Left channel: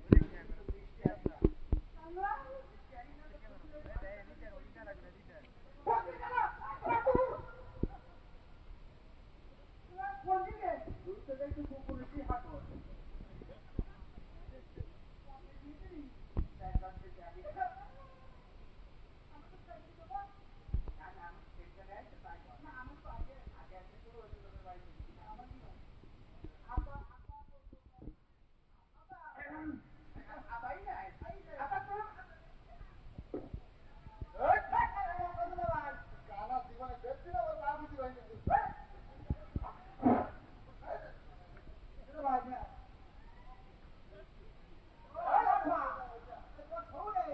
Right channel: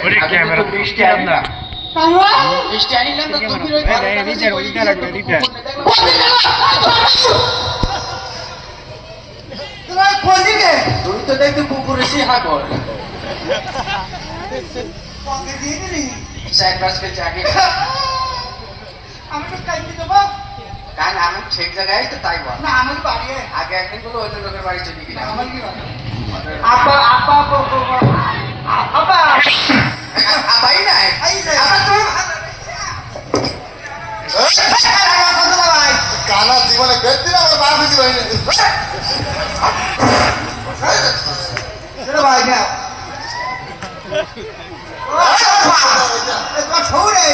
ওরে ক্যামেরা মিষ্টি আনলাম মিষ্টি আনিলাম তো তুমি ওইটা লাগবে এইটা তোমার কোনদিকে তুই তো দেখতে কুকুরে সে হাগর পকে দিয়ে দিলি চার পাঁচ কেজি আগে আমি তো খাইতে দেবো কারণ আমি ঠিক জায়গায় তো তাই বল না আমার বাড়ি আগে একদিন বলো ওই লোকের বাড়ি চলে গেলাম আমার কি বাড়ি আপা আপা আপা আবাই নাই এই যে আবার তো কানা জীবনে বেশি আমার বাপ বেশি হয়নি ভাই না ছৌরে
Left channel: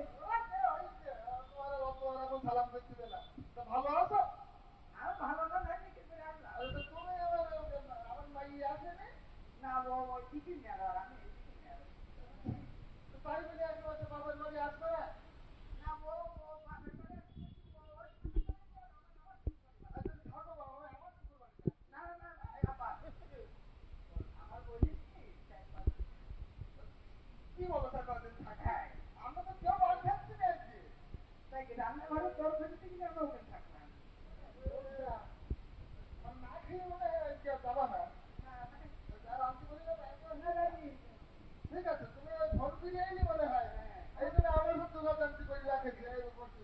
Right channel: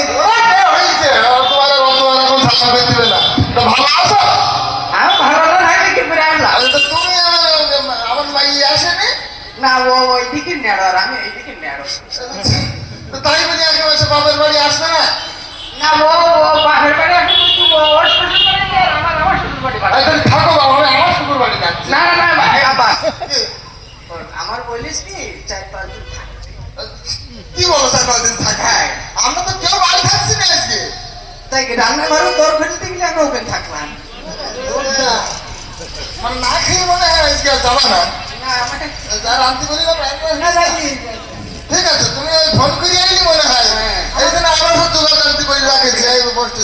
হয়েছে তোমার তোমার এখন থাকা বেশি দিবে না তো ভালো আছো আমি ভালো নাই কি করে আনলাম আরে তো তুমি আমার মাই আসেনি না ও ওইদিকে নেড়ো আর আমি এইদিকে নেড়ো তো তাই বলি আগে বসে বাপের বাড়ি আসবে না না ও বাপের বাড়ি আসবে তুই ওর শ্বশুর বাড়ি যা, আমার শ্বশুর বাড়ি বাড়ি তাহলে থাকো বাবা আমি আমার শুকুর বাড়ি যাচ্ছি না না না ভাই আবার কি? আমার বলিস কি 4-5 দিন থাকতে কি বলো স্যার কদিন থাকা হ্যাঁ আমরা তো কেউ বাড়ি থাকছি না আজকে তাই কি রান্নাঘরে তোর ফেলতে গেলে আমি ওখানে থাকলাম মানে না খেয়ে মনে হয় আজকে আর যাবা না না আমাকে যার আনতে বলি না না যাইনি ঠিক আছে তুমি ফোন করে আইলি মনে হয় হ্যাঁ। এই জন্য আমার সাথে যোগাযোগ আনতে বলি রাখেছি এই বসতে